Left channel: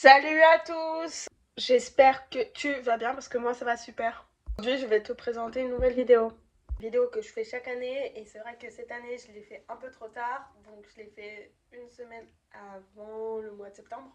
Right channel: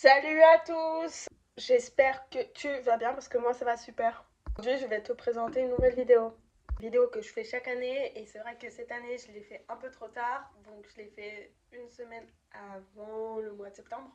Salut à tous! J'espère que tu vas bien parce que moi ça va super. Aujourd'hui je vais te présenter une nouvelle vidéo. Une vidéo que je fais chaque année et c'est vrai que cette année je l'ai fait un peu trop tard. Donc je l'ai fait une semaine avant le mois de septembre.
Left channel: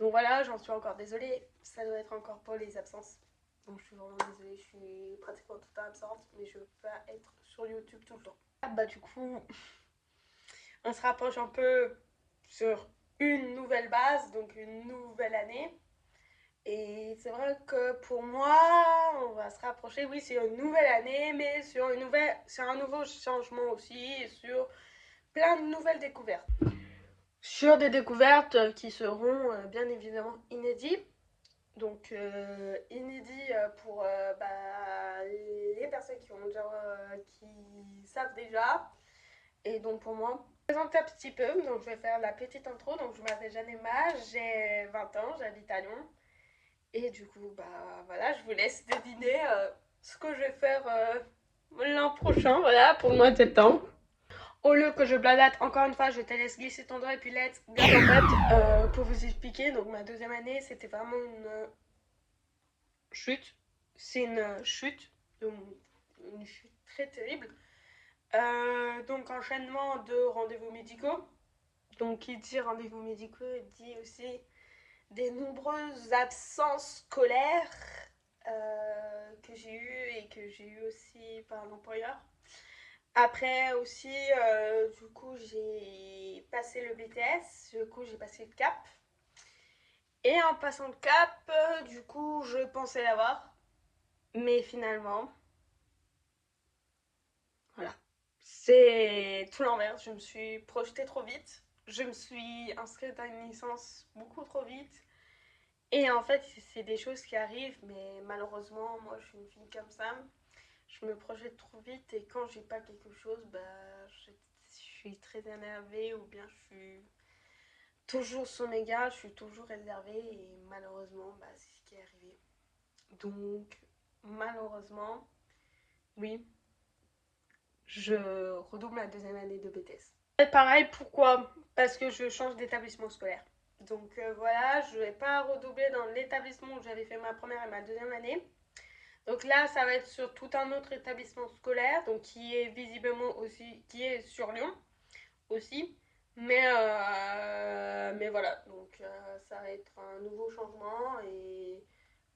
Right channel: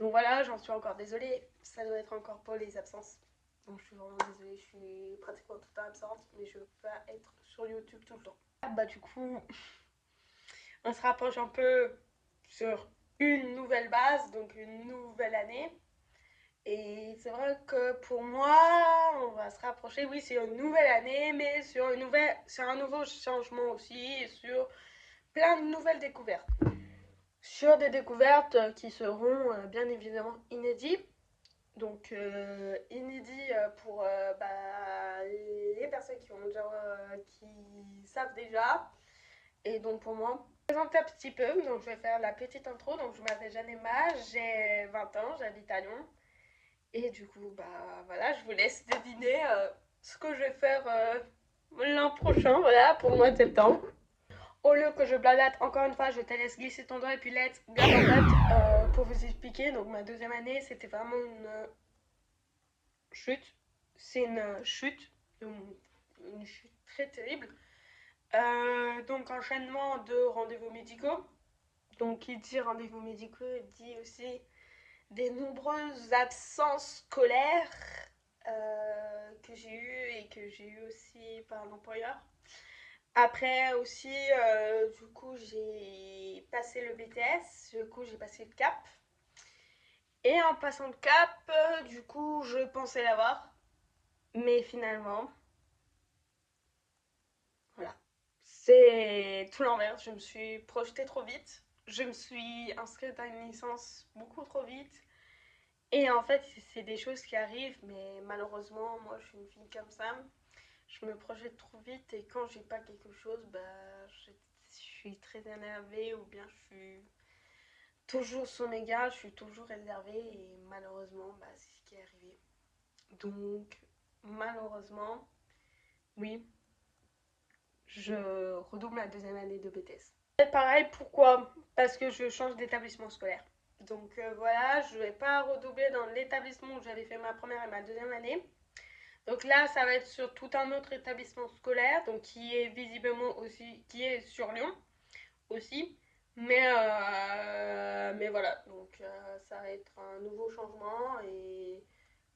Donc voilà, j'en suis encore désolée. Ça doit être encore pour les absences. Donc je suis vraiment désolée, je suis pratiquement tout le temps absente. Mais je veux pas être sur YouTube tout le temps. Bah du coup, on se rapproche un peu sur une nouvelle base, donc une nouvelle année. Et c'est vrai que pour moi, on va se rapprocher, oui, c'est une nouvelle année, mais sur un nouveau changement aussi, et sur plein de nouvelles découvertes. Sur des découvertes qui seront bien évidemment inédites. Donc inédit pour les personnes qui savent déjà. Et donc pour moi, je vais présenter un petit peu, donc je vais faire la petite intro. Donc je m'appelle Janema, j'ai 20 ans, j'habite à Lyon. Et du coup, bah voilà, je vous laisse deviner ce que je vais faire l'an prochain, voilà, pour le mois de septembre. Au lieu que je bladate, encore une fois, je te laisse glisser ton doigt et puis let's go. En fait, pour vous expliquer, donc ma deuxième année, c'était vraiment une chute. C'est une chute, une chute très terrible. Donc enchaînement de rendez-vous médicaux. Donc qui dit rendez-vous médicaux dit aussi des nombreuses absences scolaires que j'ai eues et que j'ai eues aussi par l'employeur. Après aussi, du coup, j'ai passé le BTS, du coup, j'ai passé le CAP. Et en passant le CAP, du coup, je pensais l'avoir. Mais finalement, voilà. C'est tout l'inverse. Je me suis projetée trop vite. Je me suis inscrite à une licence beaucoup trop vite. Et en fait, c'est des choses qui arrivent, mais malheureusement, moi, je suis une fille comme ça. Je me projette trop vite et quand j'ai pas quelque chose, je suis très énervée ou bien je suis toujours son égard, je suis toujours énervée et malheureusement, c'est ce qui est arrivé. Donc, malheureusement, oui, je redouble ma deuxième année de BTS. Pareil, pourquoi? Parce que je change d'établissement scolaire. Donc voilà, je ne vais pas redoubler dans l'établissement où j'avais fait ma première et ma deuxième année. Donc là, ça va être sur tout un autre établissement scolaire, donc qui est visiblement aussi, qui est sur Lyon aussi. Mais voilà, donc ça va être un nouveau changement et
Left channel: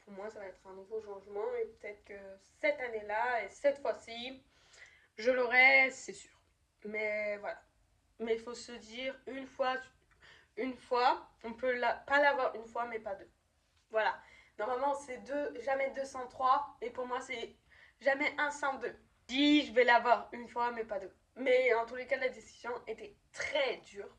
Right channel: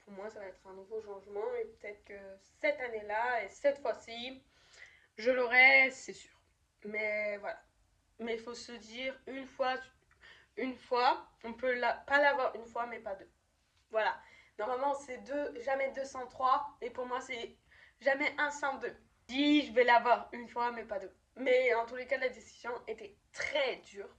pour moi, ça va être un nouveau changement et peut-être que cette année-là et cette fois-ci, je l'aurai, c'est sûr. Mais voilà. Mais il faut se dire une fois, on peut pas l'avoir une fois, mais pas deux. Voilà. Normalement, c'est jamais 203. Et pour moi, c'est jamais 102. Je dis, je vais l'avoir une fois, mais pas deux. Mais en tous les cas, la décision était très dure.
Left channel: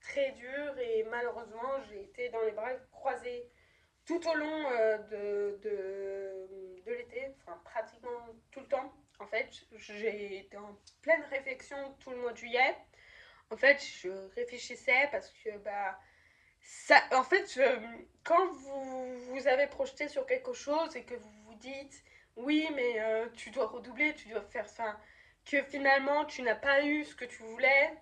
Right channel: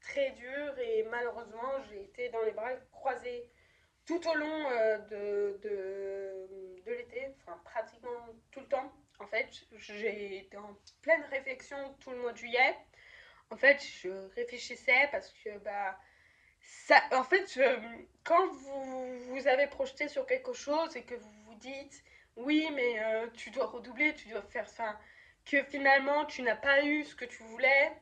Très dure. Et malheureusement, j'ai été dans les bras croisés tout au long de l'été. Enfin, pratiquement tout le temps. En fait, j'ai été en pleine réflexion tout le mois de juillet. En fait, je réfléchissais parce que, ça, en fait, quand vous avez projeté sur quelque chose et que vous vous dites oui, mais tu dois redoubler, tu dois faire ça, que finalement tu n'as pas eu ce que tu voulais,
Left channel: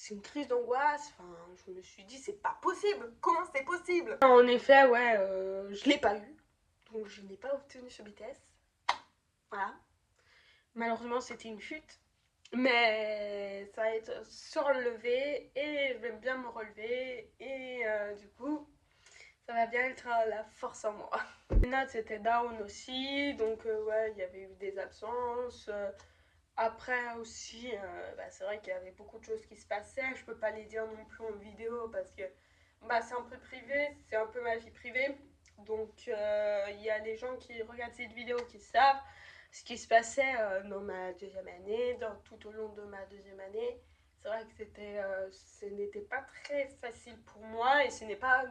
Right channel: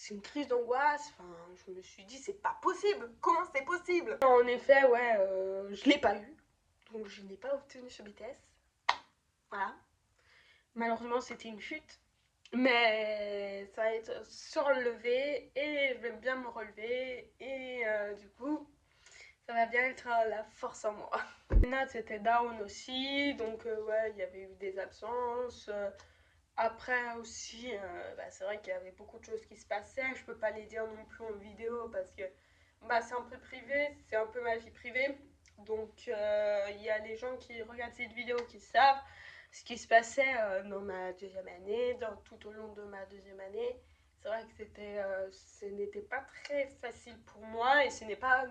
c'est une crise d'angoisse. Enfin, je me suis dit c'est pas possible, comment c'est possible? En effet, ouais, je l'ai pas eu, donc je n'ai pas obtenu ce BTS. Voilà. Malheureusement, c'était une chute. Mais ça va être surlevé et je vais bien me relever et du coup ça va bien être la force en moi. Les notes c'était down aussi, donc ouais, il y avait eu des absences. Après aussi, c'est vrai qu'il y avait beaucoup de choses qui se passaient. Je peux pas les dire non plus en vidéo parce que c'est un peu privé, c'est un peu ma vie privée. Donc il y a les gens qui regardent cette vidéo qui savent ce qui se passait dans ma deuxième année, tout au long de ma deuxième année. C'est vrai que ce n'était pas très facile pour moi et ce n'est pas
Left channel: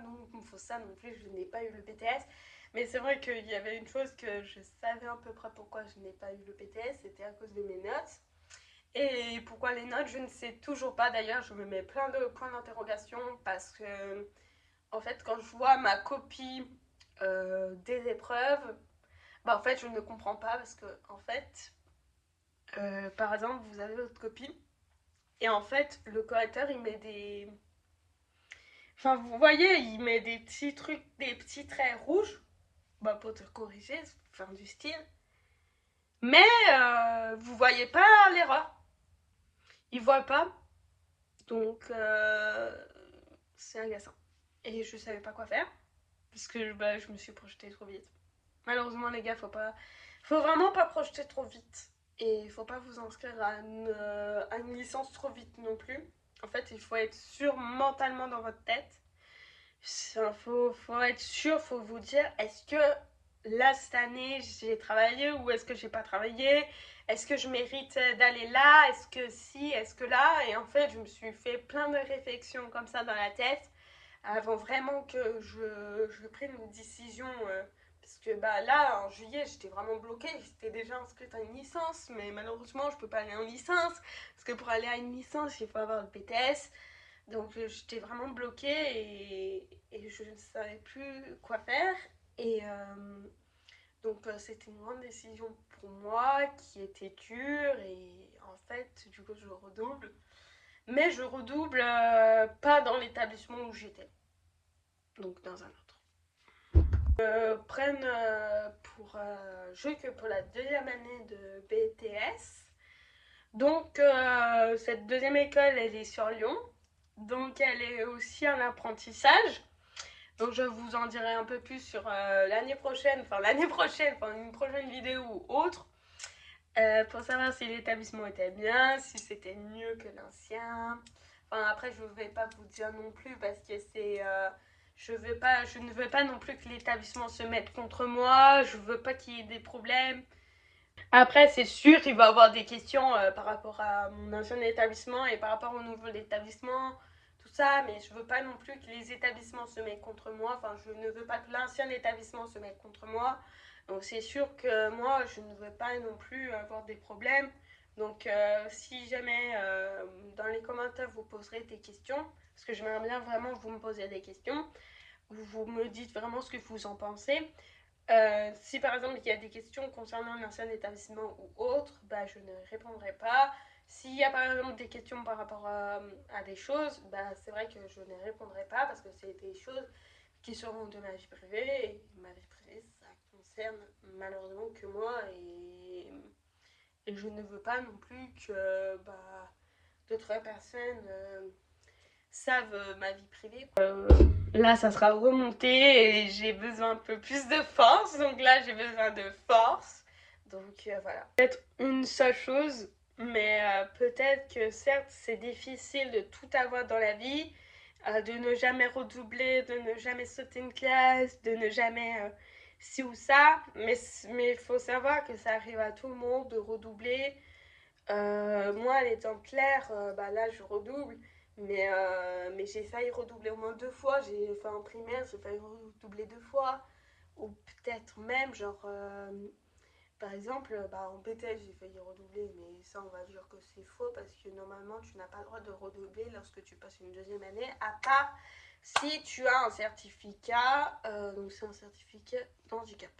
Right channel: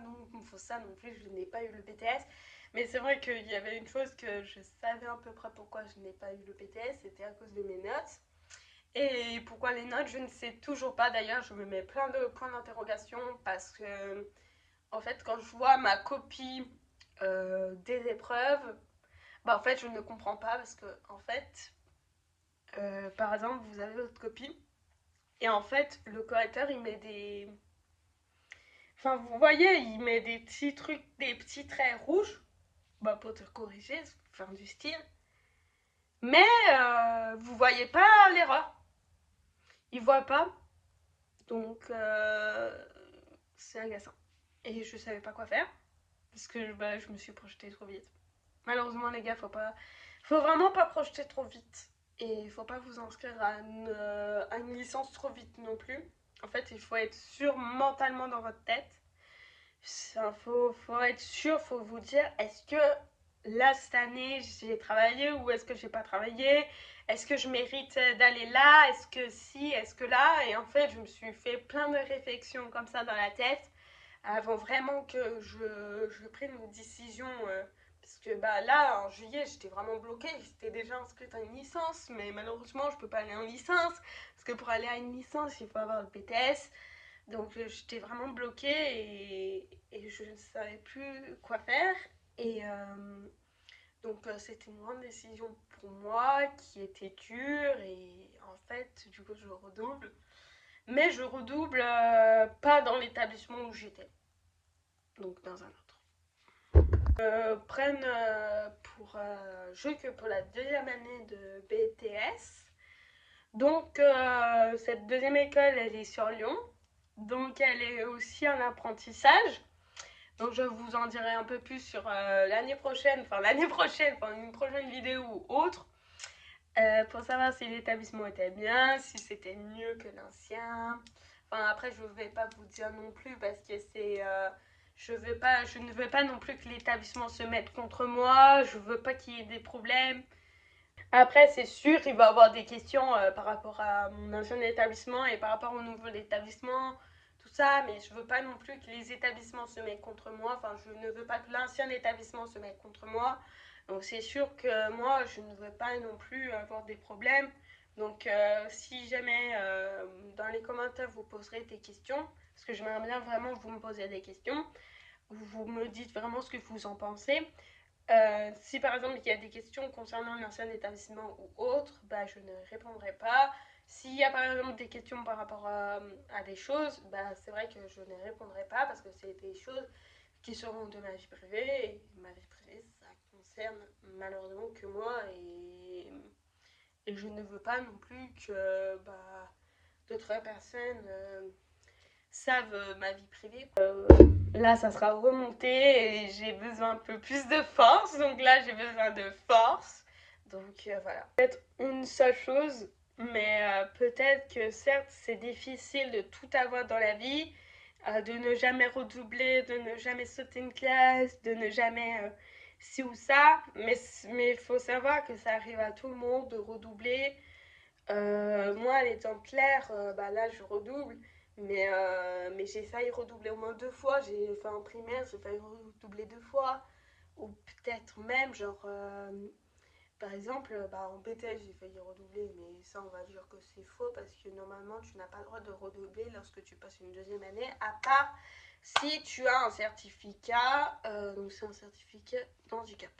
pour ça non plus, je n'ai pas eu le BTS. Mais c'est vrai qu'il y avait une chose que je savais à peu près pourquoi je n'ai pas eu le BTS, c'était à cause de mes notes. Et pourquoi les notes, je ne sais toujours pas. D'ailleurs, je me mets plein de points d'interrogation parce que, en fait, quand je vois ma copie des épreuves, en fait, je ne comprends pas parce que, en fait, par exemple, vous avez votre copie Et en fait, le correcteur, il met des... Enfin, vous voyez, il met des petits trucs, des petits traits rouges, bah, pour te corriger, faire du style. Mais vous voyez pas l'erreur. Il voit pas. Donc, c'est agaçant. Et je savais pas quoi faire. Parce que bah, je me suis projetée trop vite. Malheureusement, les gars, faut vraiment pas projeter trop vite. Et il faut pas vous inscrire à une licence trop vite non plus. En fait, il faut être sûr mentalement dans votre tête. Faut être sûr, faut vous dire, est-ce que là, cette année, j'ai travaillé ou est-ce que j'ai pas travaillé? Est-ce que je mérite d'aller là? Est-ce que si? Est-ce que là? Et en fait, je me suis fait plein de réflexions comme ça dans la tête avant vraiment que je prenne une décision. Parce que bah, là, en juillet, j'étais vraiment bloquée. J'étais déjà inscrite à une licence, mais malheureusement, je peux pas aller en licence. Parce que pour aller à une licence, il faut avoir le BTS. Donc j'étais vraiment bloquée et je ne savais plus quoi faire. Et donc c'était une grande décision pour moi qui était dure et en fait du coup je redouble. Mais je redouble pas dans l'établissement où j'étais, donc dans un autre. Prennent pour jeu que pour la deuxième année de BTS. Donc cette deuxième école elle est sur Lyon. Donc elle est aussi en apprentissage. Donc je vous en dirai un peu plus sur l'année prochaine, enfin une prochaine vidéo ou autre, pour savoir si l'établissement était bien, si c'était mieux que l'ancien. Enfin après je ne vais pas vous dire non plus parce que c'est... je ne veux pas non plus que l'établissement se mette contre moi, je veux pas qu'il y ait des problèmes. Après, c'est sûr, il va y avoir des questions par rapport à mon ancien établissement et par rapport au nouveau établissement, tout ça, mais je veux pas non plus que les établissements se mettent contre moi. Enfin, je ne veux pas que l'ancien établissement se mette contre moi. Donc, c'est sûr que moi, je ne veux pas non plus avoir des problèmes. Donc, si jamais dans les commentaires vous poserez des questions, parce que j'aimerais bien vraiment que vous me posiez des questions, vous me dites vraiment ce que vous en pensez. Si par exemple il y a des questions concernant l'ancien établissement ou autre, bah, je ne répondrai pas. S'il y a par exemple des questions par rapport à des choses, bah, c'est vrai que je ne répondrai pas parce que c'est des choses qui seront de ma vie privée. Et ma vie privée, ça concerne malheureusement que moi et je ne veux pas non plus que bah, d'autres personnes savent ma vie privée. Là, ça sera remonté et j'ai besoin un peu plus de force. Donc là, j'ai besoin de force. Donc voilà. Peut-être une seule chose, mais peut-être que certes, c'est difficile de tout avoir dans la vie, de ne jamais redoubler, de ne jamais sauter une classe, de ne jamais ci ou ça. Mais il faut savoir que ça arrive à tout le monde de redoubler. Moi, à l'exemplaire, bah là, je redouble. Mais j'ai failli redoubler au moins 2 fois. J'ai fait en primaire, j'ai failli redoubler 2 fois. Ou peut-être même, genre, par exemple, bah, en BTS, j'ai failli redoubler. Mais ça, on va dire que c'est faux parce que normalement, tu n'as pas le droit de redoubler lorsque tu passes une deuxième année, à part si tu as un certificat. Donc, c'est un certificat d'handicap.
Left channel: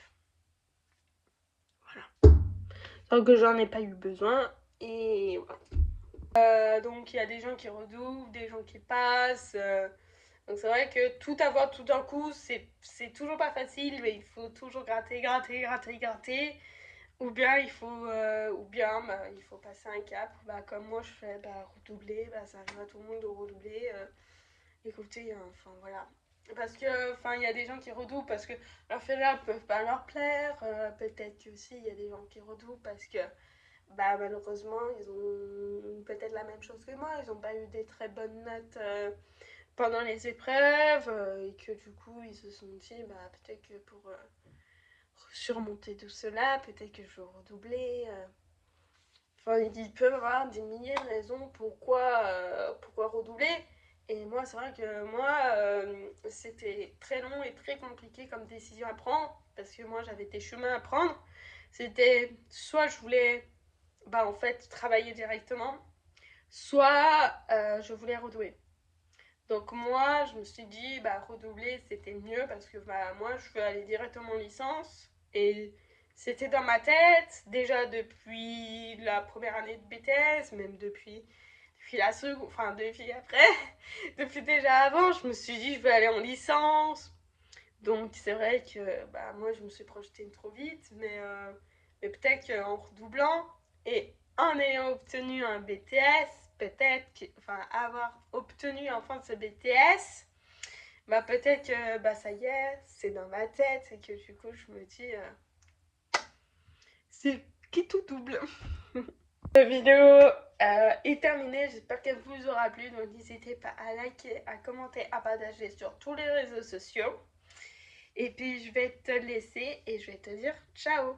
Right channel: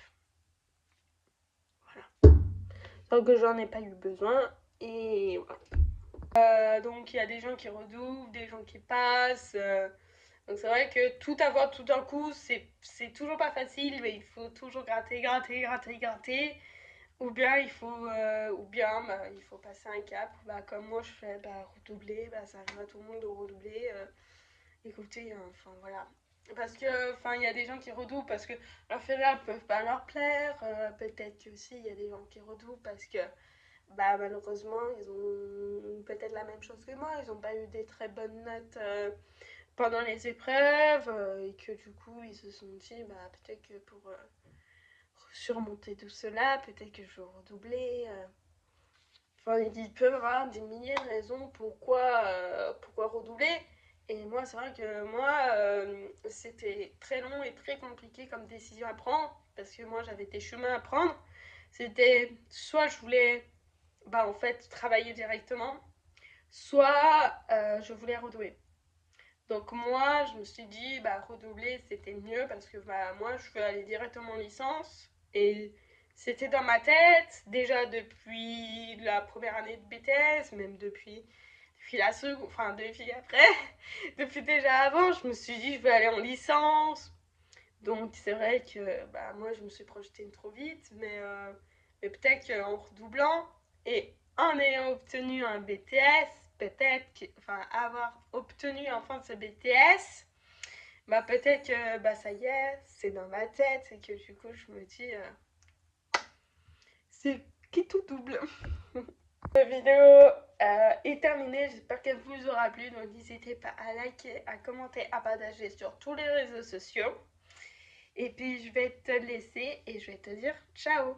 Voilà. Donc, j'en ai pas eu besoin. Et voilà. Donc il y a des gens qui redoublent, des gens qui passent. Donc c'est vrai que tout avoir tout d'un coup, c'est toujours pas facile, mais il faut toujours gratter, gratter, gratter, gratter. Ou bien bah, il faut passer un cap. Bah, comme moi je fais bah, redoubler, bah, ça arrive à tout le monde de redoubler. Écoutez, enfin voilà. Parce que, enfin, il y a des gens qui redoublent parce que leurs filières ne peuvent pas leur plaire. Peut-être que aussi il y a des gens qui redoublent parce que bah, malheureusement, ils ont peut-être la même chose que moi. Ils n'ont pas eu des très bonnes notes pendant les épreuves et que du coup, ils se sont dit, bah, peut-être que pour surmonter tout cela, peut-être que je vais redoubler. Enfin, ils peuvent avoir des milliers de raisons pourquoi redoubler. Et moi, c'est vrai que moi, c'était très long et très compliqué comme décision à prendre parce que moi, j'avais des chemins à prendre. C'était soit je voulais bah, en fait travailler directement, soit je voulais redoubler. Donc moi, je me suis dit, bah, redoubler, c'était mieux parce que bah, moi, je veux aller directement en licence. Et c'était dans ma tête, déjà depuis la première année de BTS, même depuis enfin 2 filles après. Depuis déjà avant, je me suis dit je veux aller en licence. Donc c'est vrai que bah, moi je me suis projetée trop vite, mais peut-être qu'en redoublant et en ayant obtenu un BTS, enfin avoir obtenu enfin ce BTS, bah peut-être que bah ça y est, c'est dans ma tête et que du coup je me dis c'est qui tout double. La vidéo est terminée, j'espère qu'elle vous aura plu, donc n'hésitez pas à liker, à commenter, à partager sur tous les réseaux sociaux. Et puis je vais te laisser et je vais te dire ciao.